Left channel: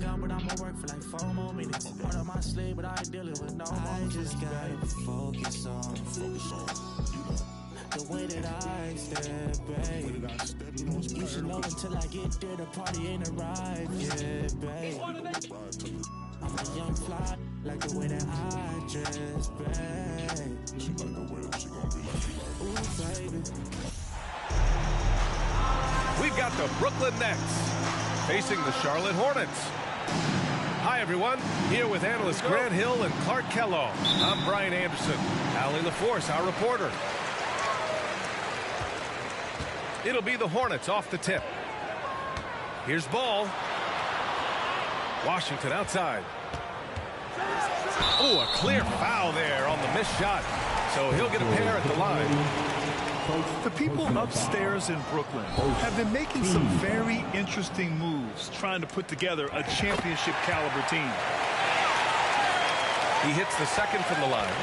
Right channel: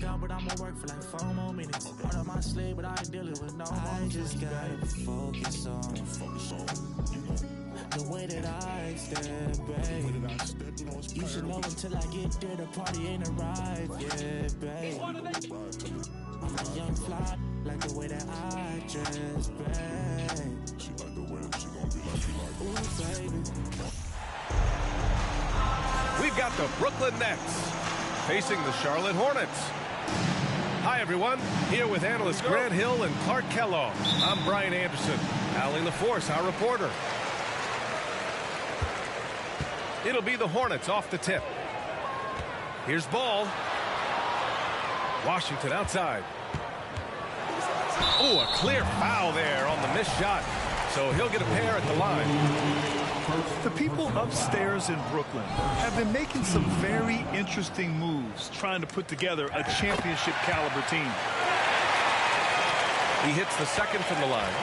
workout, but I'ma work for like 4 more minutes. Part of my sleep, but I ain't dealing with no more. I just gotta focus on the way that I step, babe. You should know until I get there, the party ain't arrived yet, babe. I'm a young fly, like the way that I dress, babe. She like the way that she gon' be like, she like. Ooh, baby. We've got the Brooklyn Nets facing the Charlotte Hornets. Hi, everyone. Here with analysts Grant Hill and Clark Kellogg. I'm Brian Anderson. Allie LaForce, our reporter. It'll be the Hornets off the tip. Here's ball. Washington outside. Oh, a clear foul there on the missed shot. So he'll get a pair at the line. The people upstairs in Brooklyn have been making some very interesting moves trying to put together a championship caliber team. He hits the second from the line.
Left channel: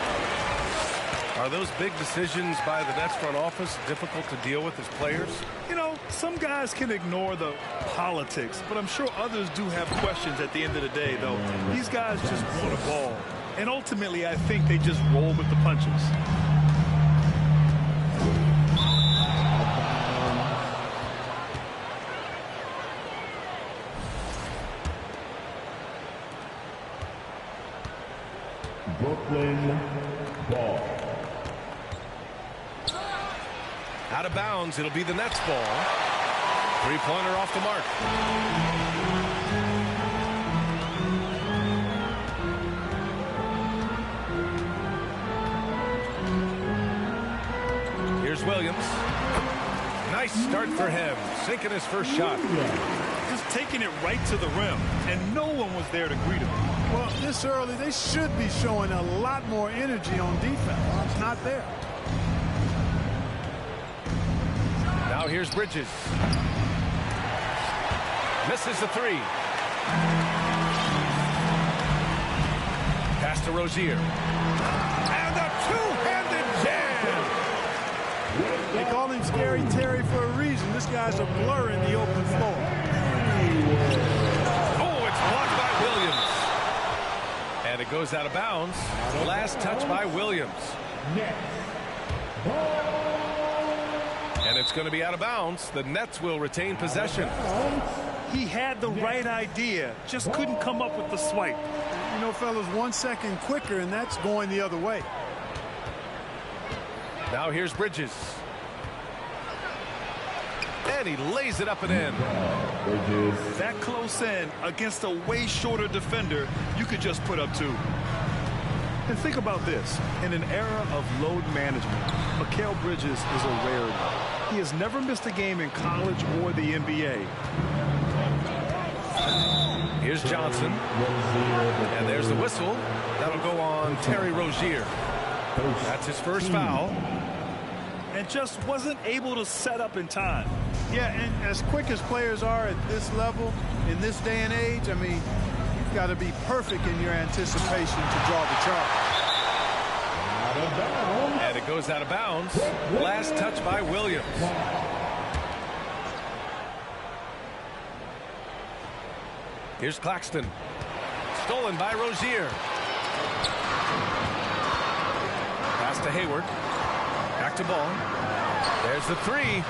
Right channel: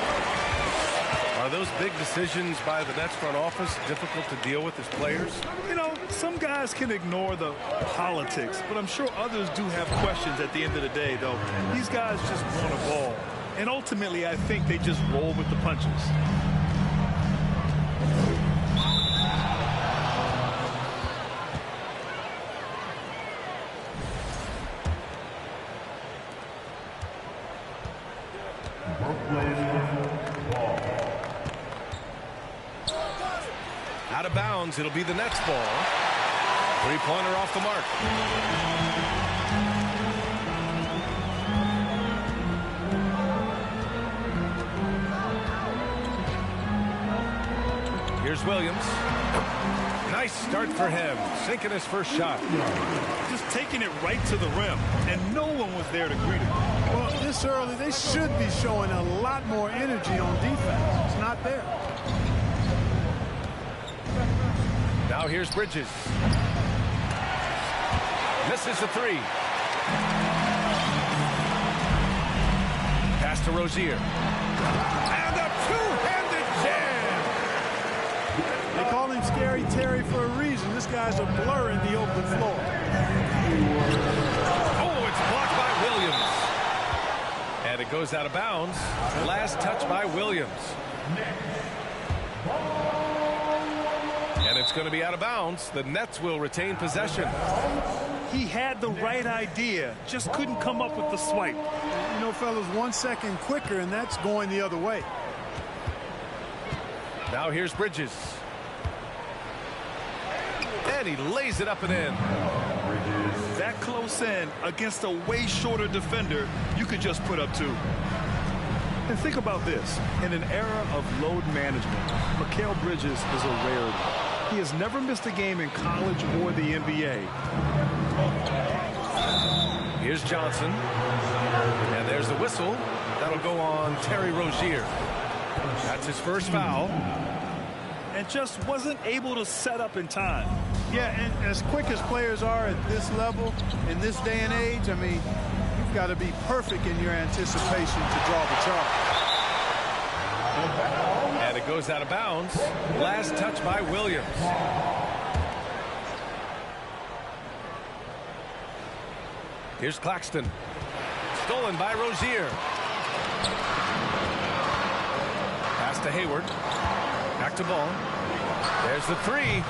Are those big decisions by the Nets front office difficult to deal with as players? You know, some guys can ignore the politics, but I'm sure others do have questions at the end of the day, though. These guys just want a ball. And ultimately, I think they just roll with the punches. Brooklyn ball. Out of bounds, it'll be the Nets ball. Three-pointer off the mark. Here's Williams. Nice start for him, sinking his first shot. Just taking it right to the rim, and no one was there to greet him. Well, this early, they should be showing a lot more energy on defense. It's not there. Now here's Bridges. Misses the three. Pass to Rozier. And a two-handed jam. They call him Scary Terry for a reason. This guy's a blur in the open floor. Oh, it's blocked by Williams. And it goes out of bounds. Last touch by Williams. And it's going to be out of bounds. The Nets will retain possession. He had the right idea, just couldn't come up with the swipe. You know, fellas, 1 second quicker, and that's going the other way. Now here's Bridges. And he lays it up and in. Bridges. That close in against a way shorter defender, you could just put up two. And think about this. In an era of load management, Mikal Bridges is a rarity. He has never missed a game in college or the NBA. Here's Johnson. And there's the whistle. That'll go on Terry Rozier. That's his first foul. And just wasn't able to set up in time. Yeah, and as quick as players are at this level, in this day and age, I mean, you've got to be perfect in your anticipation to draw the charge. And it goes out of bounds. Last touch by Williams. Here's Claxton. Stolen by Rozier. Pass to Hayward. Back to ball. There's the three.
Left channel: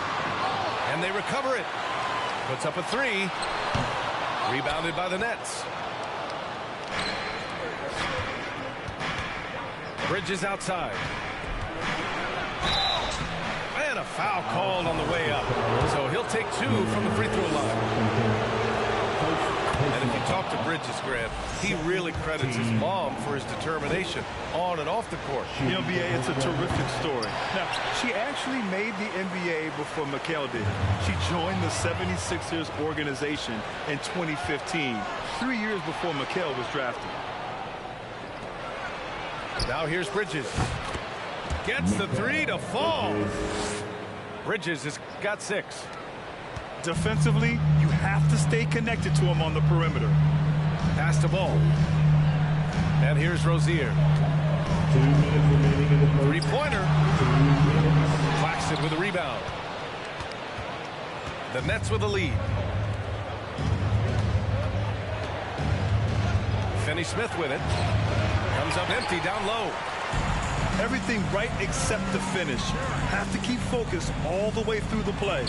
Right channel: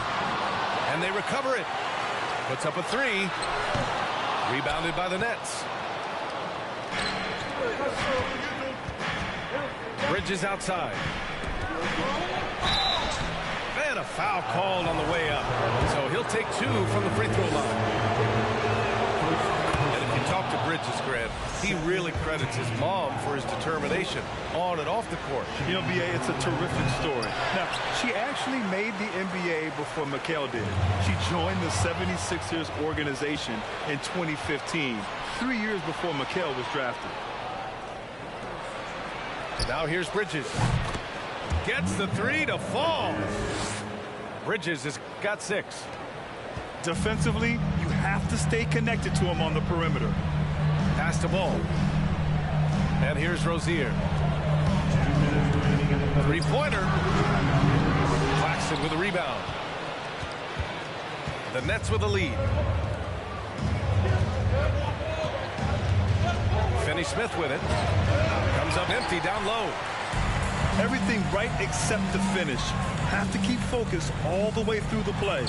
And they recover it. Puts up a three. Rebounded by the Nets. Bridges outside. And a foul called on the way up. So he'll take two from the free throw line. And if you talk to Bridges, Grant, he really credits his mom for his determination on and off the court. You know, BA, it's a terrific story. Now, she actually made the NBA before Mikal did. She joined the 76ers organization in 2015, 3 years before Mikal was drafted. Now here's Bridges. Gets the three to fall. Bridges has got 6. Defensively, you have to stay connected to him on the perimeter. Pass to ball. And here's Rozier. 2 minutes remaining in the first. Three-pointer. Claxton with a rebound. The Nets with a lead. Finney Smith with it. Comes up empty down low. Everything right except the finish. Have to keep focused all the way through the play.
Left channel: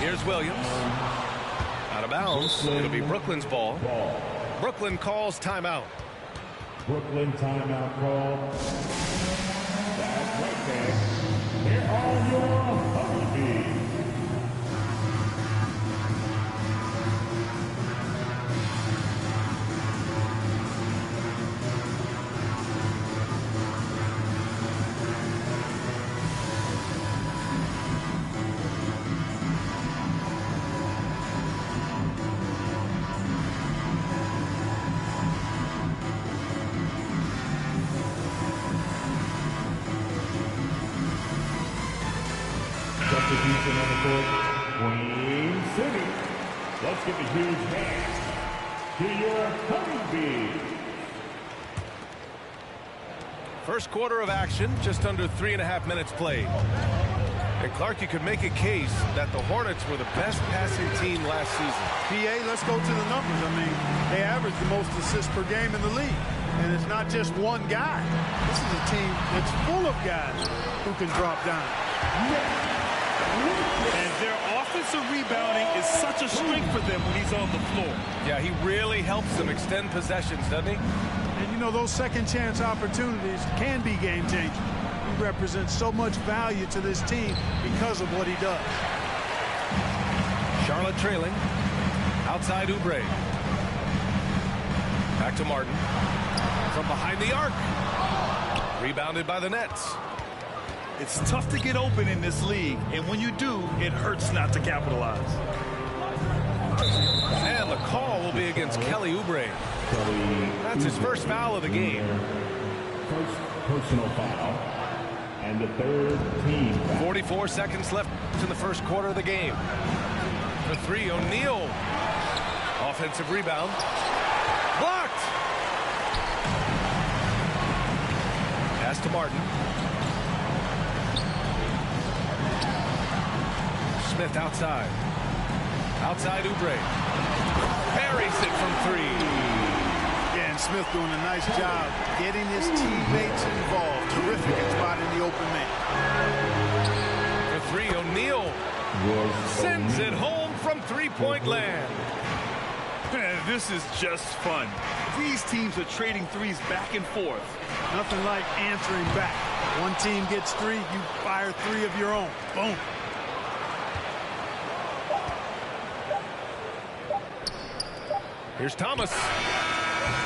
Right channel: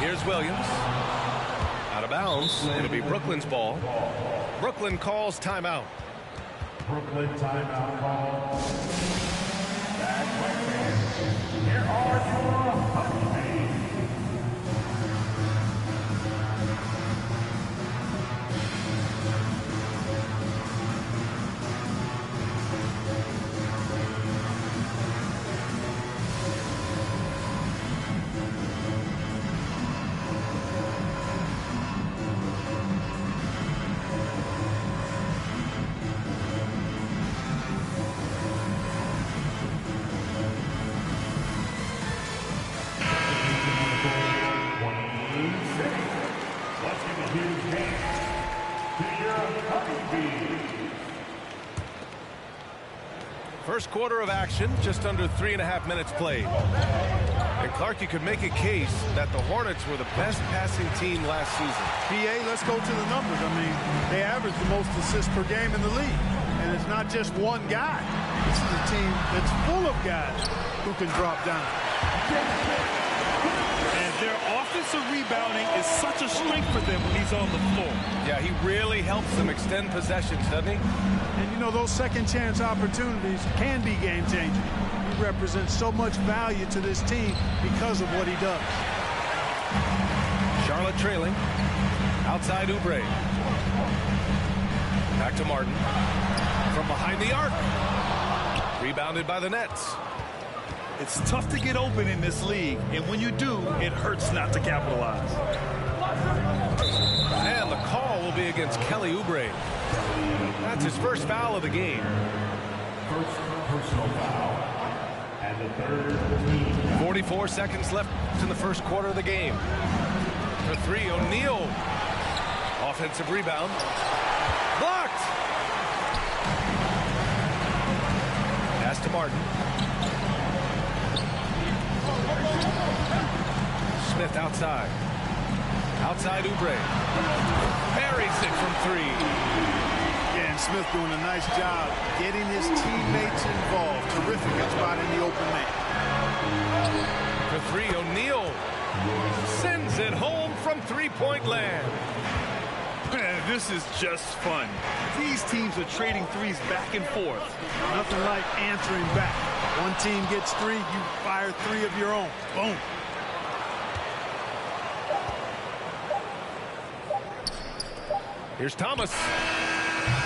Here's Williams. Out of bounds. It'll be Brooklyn's ball. Brooklyn calls timeout. Brooklyn timeout call. That's right, fans. Here are your Honeybees. Let's give a huge hand to your Honeybees. First quarter of action, just under 3.5 minutes played. And Clark, you could make a case that the Hornets were the best passing team last season. PA, let's go to the numbers. I mean, they average the most assists per game in the league. And it's not just one guy. This is a team that's full of guys who can drop dimes. And their offensive rebounding is such a strength for them when he's on the floor. Yeah, he really helps them extend possessions, doesn't he? And, you know, those second chance opportunities can be game changers. He represents so much value to this team because of what he does. Charlotte trailing. Outside Oubre. Back to Martin. From behind the arc. Rebounded by the Nets. It's tough to get open in this league, and when you do, it hurts not to capitalize. And the call will be against Kelly Oubre. That's his first foul of the game. First personal foul, and the third team foul. 44 seconds left in the first quarter of the game. For three, O'Neal. Offensive rebound. Blocked. Pass to Martin. Smith outside. Outside Oubre. Buries it from three. Yeah, and Smith doing a nice job getting his teammates involved. Terrific at spotting the open man. For three, O'Neal sends it home from three-point land. Man, this is just fun. These teams are trading threes back and forth. Nothing like answering back. One team gets three, you fire three of your own. Boom. Here's Thomas.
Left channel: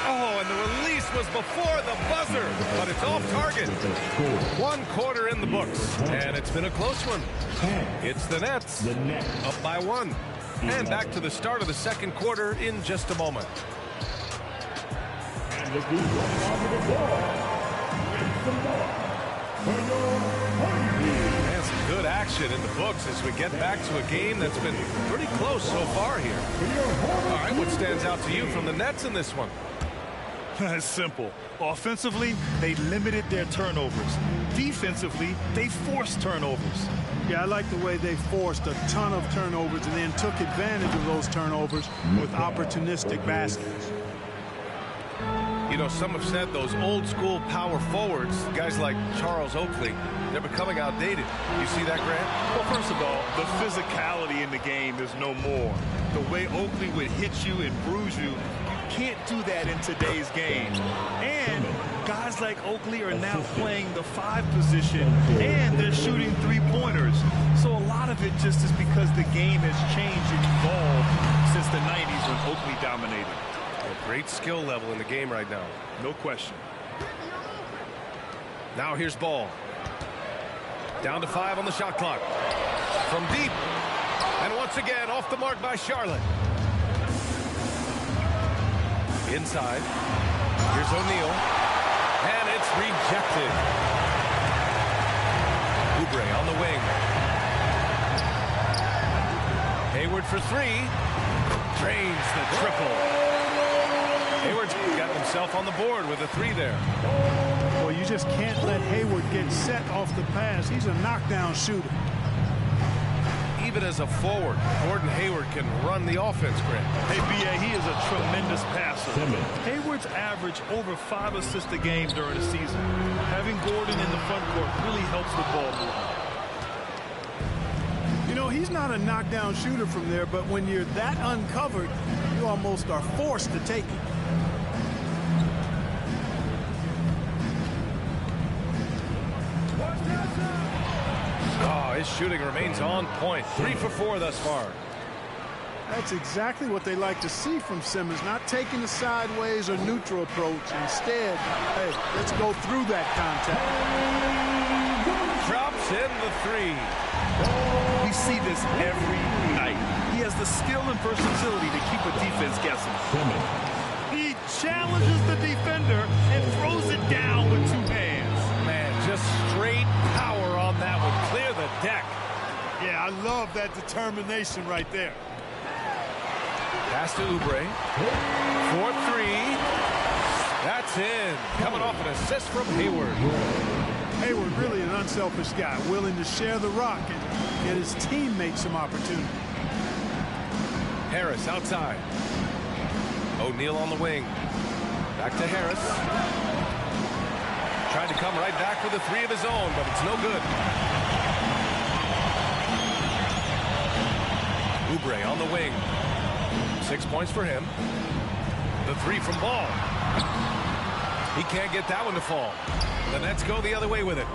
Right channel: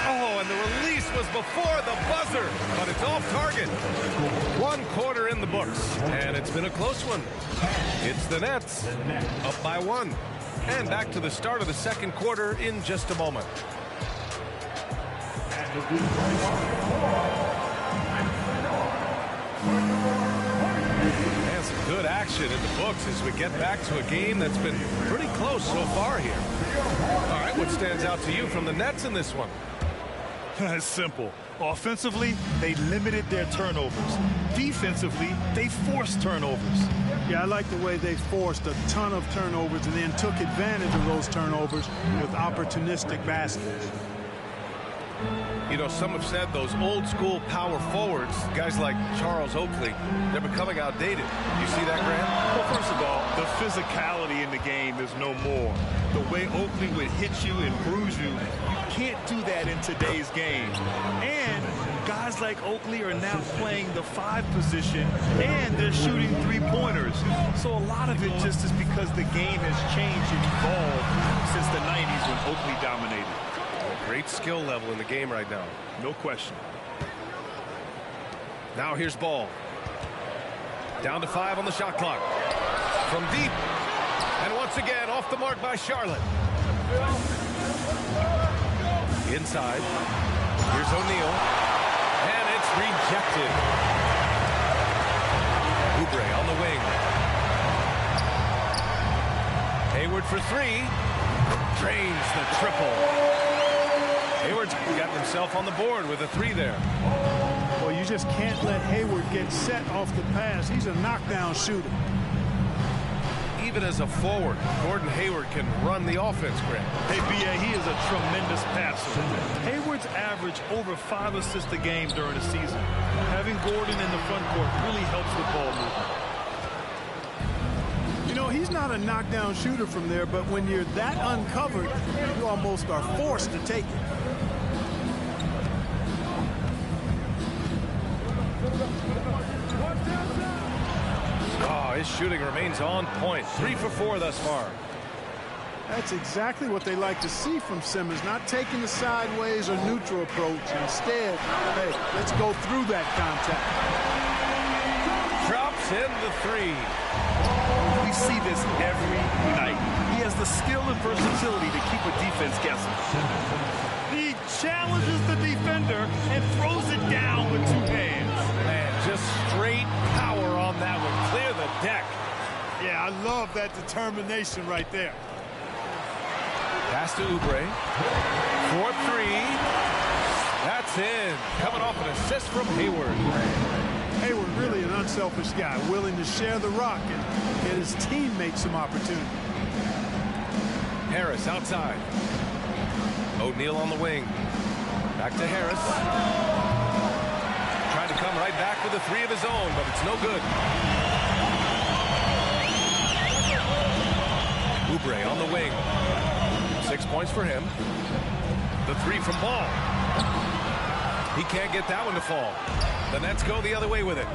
Oh, and the release was before the buzzer, but it's off target. 1 quarter in the books, and it's been a close one. It's the Nets up by 1. And back to the start of the second quarter in just a moment. And some good action in the books as we get back to a game that's been pretty close so far here. All right, what stands out to you from the Nets in this one? It's simple. Offensively, they limited their turnovers. Defensively, they forced turnovers. Yeah, I like the way they forced a ton of turnovers and then took advantage of those turnovers with opportunistic baskets. You know, some have said those old school power forwards, guys like Charles Oakley, they're becoming outdated. You see that, Grant? Well, first of all, the physicality in the game is no more. The way Oakley would hit you and bruise you, you can't do that in today's game. And guys like Oakley are now playing the 5 position, and they're shooting 3-pointers. So a lot of it just is because the game has changed and evolved since the 90s when Oakley dominated. A great skill level in the game right now. No question. Now here's Ball. Down to 5 on the shot clock. From deep. And once again, off the mark by Charlotte. Inside. Here's O'Neal. And it's rejected. Oubre on the wing. Hayward for 3. Drains the triple. Hayward's gotten himself on the board with a 3 there. Well, you just can't let Hayward get set off the pass. He's a knockdown shooter. even as a forward, Gordon Hayward can run the offense, Grant. Hey, B.A., he is a tremendous passer. Hayward's averaged over 5 assists a game during the season. Having Gordon in the front court really helps with ball movement. You know, he's not a knockdown shooter from there, but when you're that uncovered, you almost are forced to take it. Oh, his shooting remains on point. 3 for 4 thus far. That's exactly what they like to see from Simmons, not taking the sideways or neutral approach. Instead, hey, let's go through that contact. Drops in the 3. We see this every night. He has the skill and versatility to keep a defense guessing. He challenges the defender and throws it down with 2 hands. Man, just straight power on that one. Clear the deck. Yeah, I love that determination right there. Pass to Oubre. 4-3. That's in. Coming off an assist from Hayward. Hayward really an unselfish guy, willing to share the rock and get his teammates some opportunity. Harris outside. O'Neal on the wing. Back to Harris. Trying to come right back with a 3 of his own, but it's no good. Oubre on the wing. 6 points for him. The 3 from Ball. He can't get that one to fall. The Nets go the other way with it.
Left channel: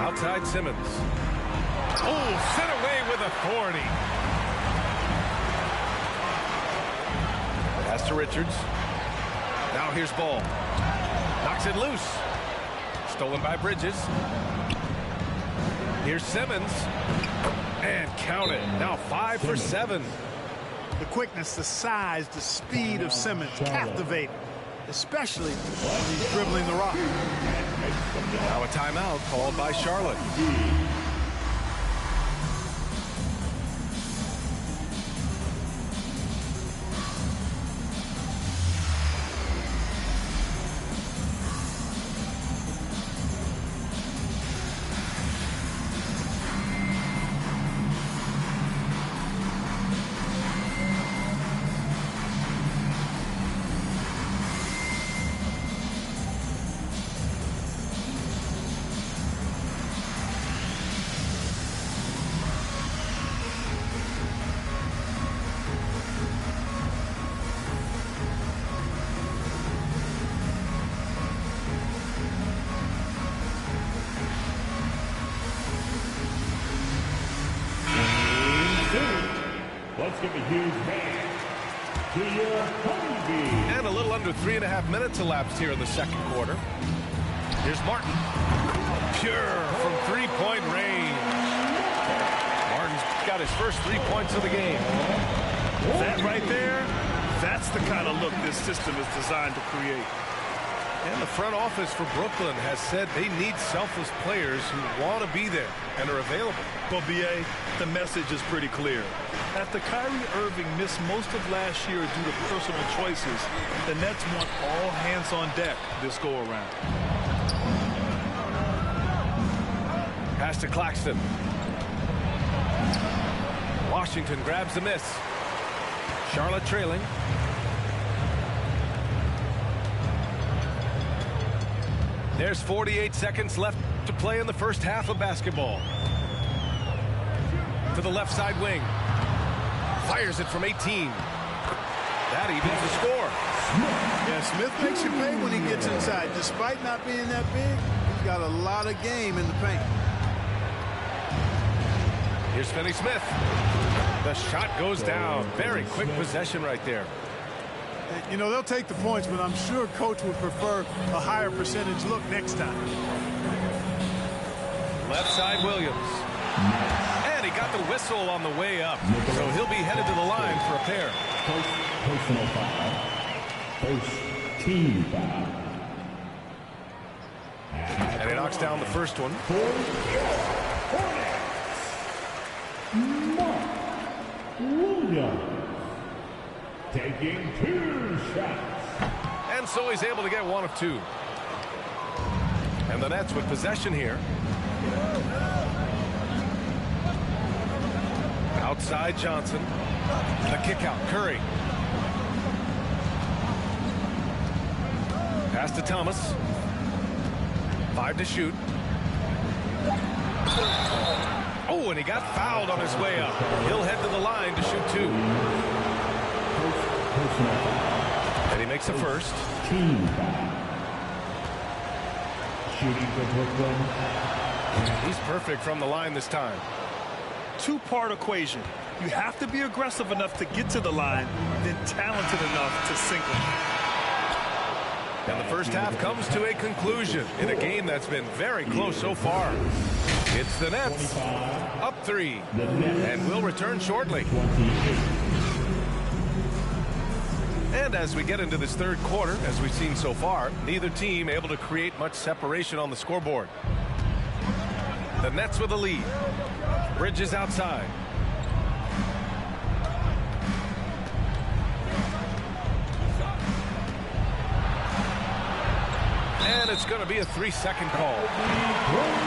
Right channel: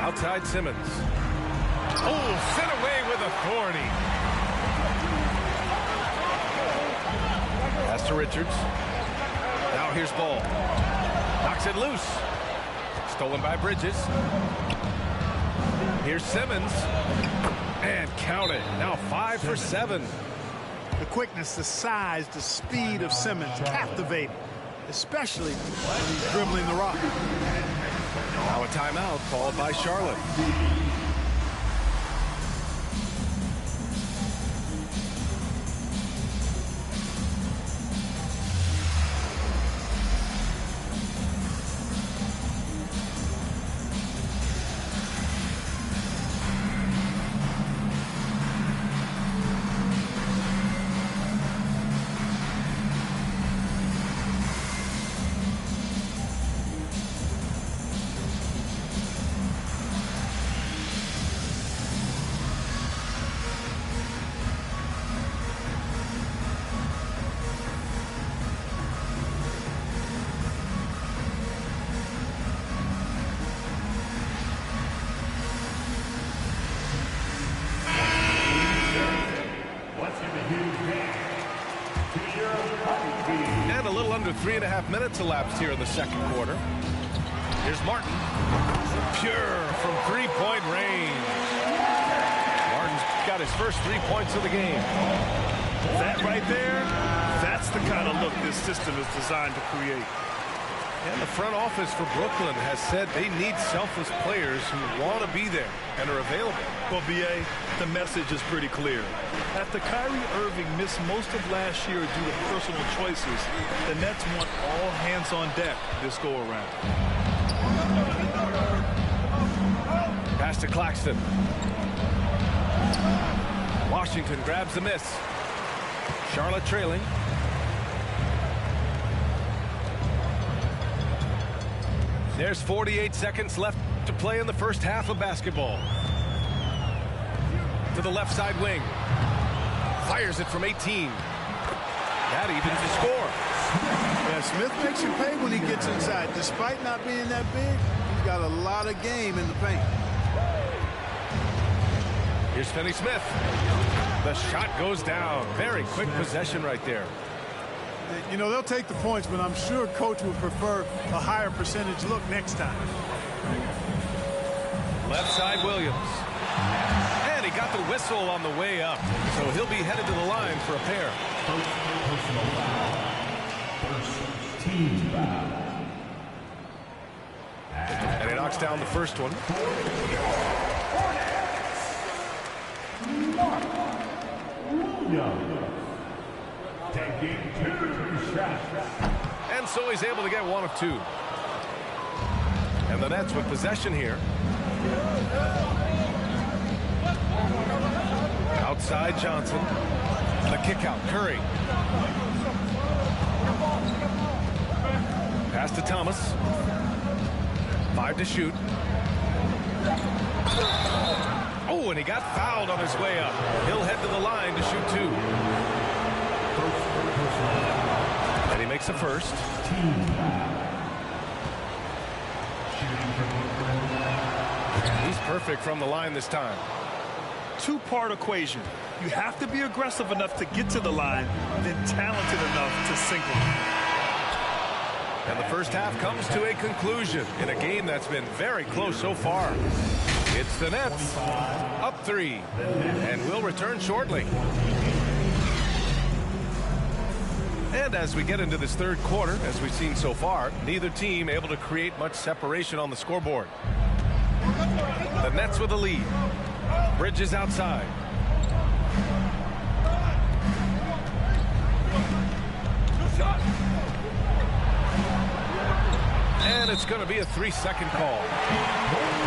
Outside Simmons. Oh, sent away with authority. Pass to Richards. Now here's Ball. Knocks it loose. Stolen by Bridges. Here's Simmons. And count it. Now 5 for 7. The quickness, the size, the speed of Simmons, captivating, especially when he's dribbling the rock. Now a timeout called by Charlotte. Let's give a huge hand to your Humvee. And a little under 3.5 minutes elapsed here in the second quarter. Here's Martin. Pure from 3-point range. Martin's got his first 3 points of the game. That right there, that's the kind of look this system is designed to create. And the front office for Brooklyn has said they need selfless players who want to be there and are available. Well, B.A., the message is pretty clear. After Kyrie Irving missed most of last year due to personal choices, the Nets want all hands on deck this go-around. Pass to Claxton. Washington grabs the miss. Charlotte trailing. There's 48 seconds left to play in the first half of basketball. To the left side wing. Fires it from 18. That evens the score. Yeah, Smith makes you pay when he gets inside. Despite not being that big, he's got a lot of game in the paint. Here's Finney-Smith. The shot goes down. Very quick possession right there. You know, they'll take the points, but I'm sure Coach would prefer a higher percentage look next time. Left side Williams. And he got the whistle on the way up. So he'll be headed to the line for a pair. First personal foul. First team foul. And he knocks down the first one. Mark Williams taking 2 shots. And so he's able to get 1 of 2. And the Nets with possession here. Outside Johnson. The kick out, Curry. Pass to Thomas. 5 to shoot. Oh, and he got fouled on his way up. He'll head to the line to shoot 2. And he makes a first. Team foul. Shooting for Brooklyn. He's perfect from the line this time. Two-part equation. You have to be aggressive enough to get to the line, then talented enough to sink them. And the first half comes to a conclusion in a game that's been very close so far. It's the Nets up 3, and we'll return shortly. And as we get into this third quarter, as we've seen so far, neither team able to create much separation on the scoreboard. The Nets with a lead. Bridges outside. And it's going to be a 3-second call.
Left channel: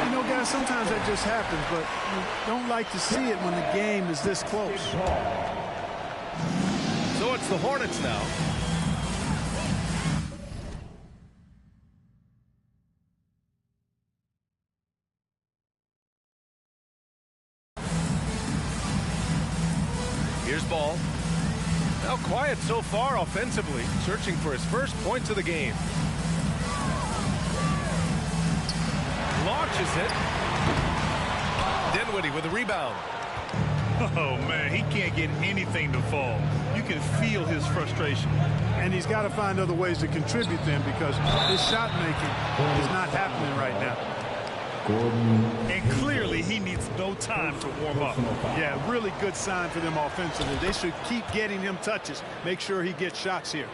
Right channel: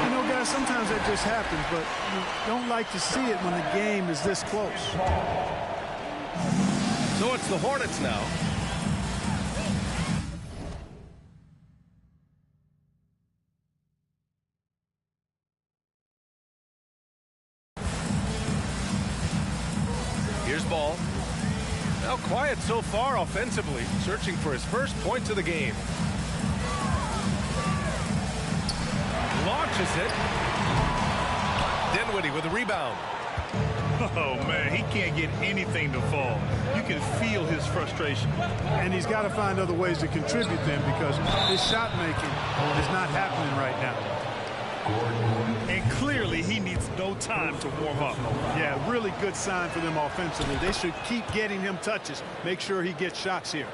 You know, guys, sometimes that just happens, but you don't like to see it when the game is this close. So it's the Hornets now. Here's Ball. Now quiet so far offensively, searching for his first points of the game. Launches it. Dinwiddie with a rebound. Oh, man, he can't get anything to fall. You can feel his frustration. And he's got to find other ways to contribute then, because his shot making is not happening right now. And clearly he needs no time to warm up. Yeah, really good sign for them offensively. They should keep getting him touches. Make sure he gets shots here.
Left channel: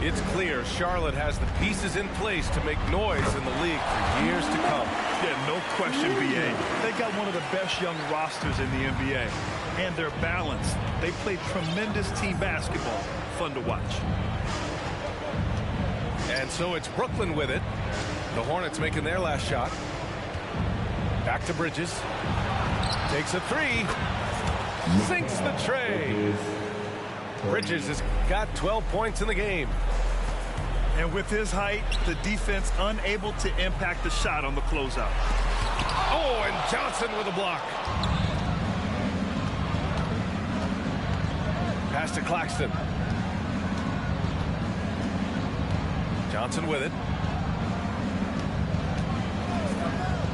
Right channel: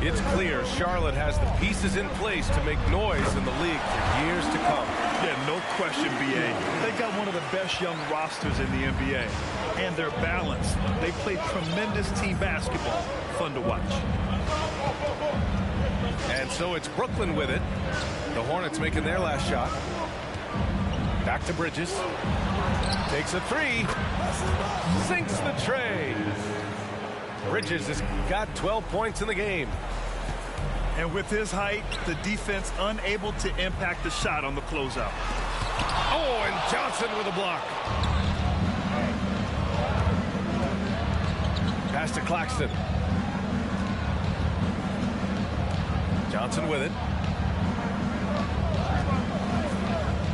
It's clear Charlotte has the pieces in place to make noise in the league for years to come. Yeah, no question, B.A. They got one of the best young rosters in the NBA. And they're balanced. They play tremendous team basketball. Fun to watch. And so it's Brooklyn with it. The Hornets making their last shot. Back to Bridges. Takes a 3. Sinks the tray. Bridges has got 12 points in the game. And with his height, the defense unable to impact the shot on the closeout. Oh, and Johnson with a block. Pass to Claxton. Johnson with it.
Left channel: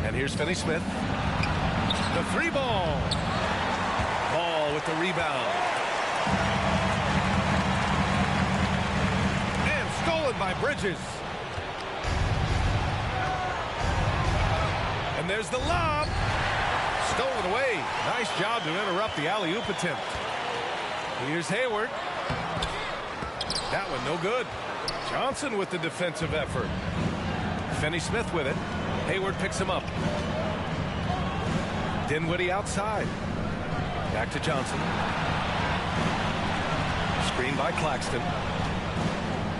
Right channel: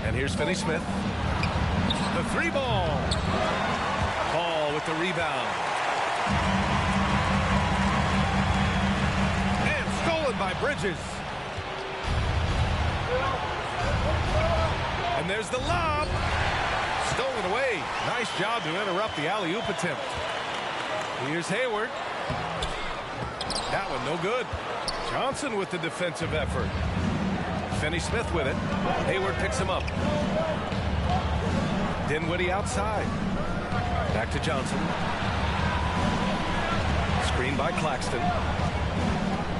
And here's Finney-Smith. The 3-ball. Ball with the rebound. And stolen by Bridges. And there's the lob. Stolen away. Nice job to interrupt the alley-oop attempt. Here's Hayward. That one no good. Johnson with the defensive effort. Finney-Smith with it. Hayward picks him up. Dinwiddie outside. Back to Johnson. Screen by Claxton.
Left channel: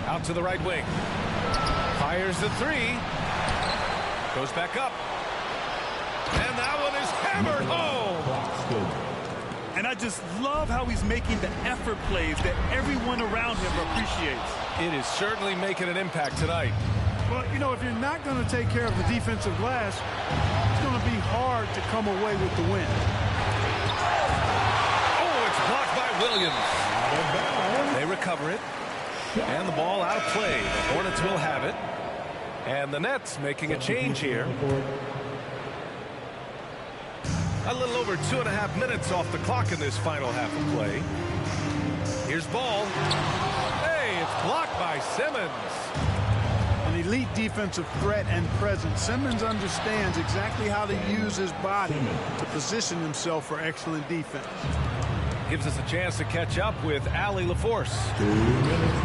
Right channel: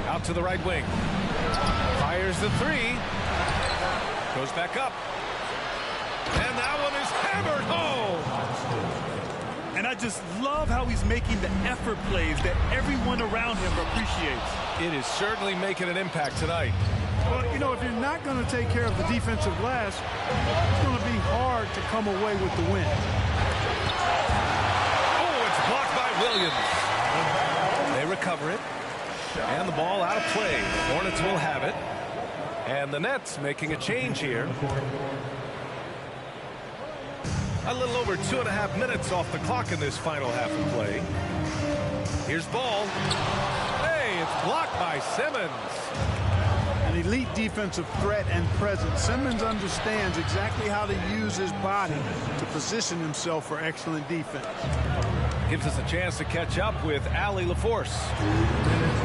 Out to the right wing. Fires the 3. Goes back up. And that one is hammered home. And I just love how he's making the effort plays that everyone around him appreciates. It is certainly making an impact tonight. Well, you know, if you're not going to take care of the defensive glass, it's going to be hard to come away with the win. Oh, it's blocked by Williams. They recover it. And the ball out of play. The Hornets will have it. And the Nets making a change here. A little over 2.5 minutes off the clock in this final half of play. Here's Ball. Hey, it's blocked by Simmons. An elite defensive threat and presence. Simmons understands exactly how to use his body to position himself for excellent defense. Gives us a chance to catch up with Allie LaForce.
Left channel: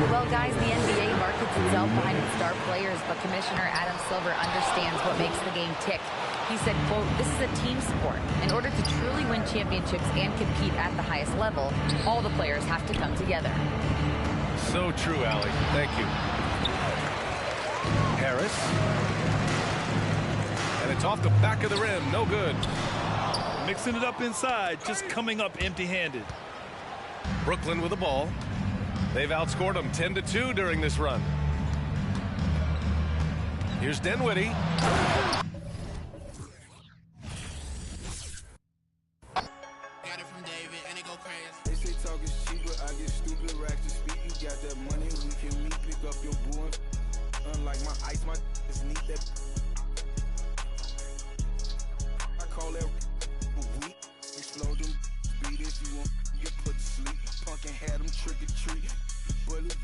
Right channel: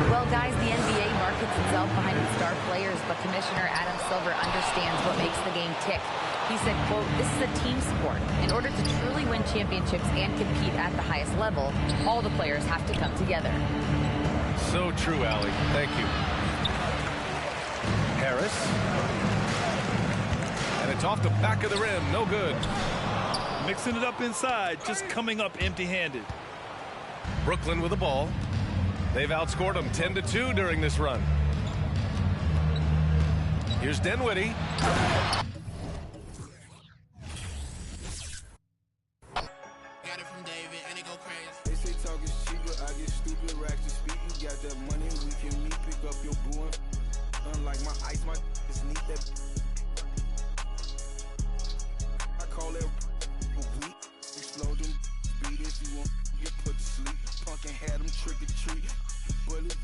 Well, guys, the NBA markets itself behind its star players, but Commissioner Adam Silver understands what makes the game tick. He said, quote, "This is a team sport. In order to truly win championships and compete at the highest level, all the players have to come together." So true, Allie. Thank you. Harris. And it's off the back of the rim. No good. Mixing it up inside, just coming up empty-handed. Brooklyn with the ball. They've outscored them 10-2 during this run. Here's Dinwiddie. Got it from David, and it go crazy. They say talk is cheap, but I get stupid racks to speak. You got that money, we can meet, pick up your boo. Unlike my ice, my is neat. That I call that weak. Explode them, beat if you want, get put to sleep. Punk and had them trick or treat. Bullet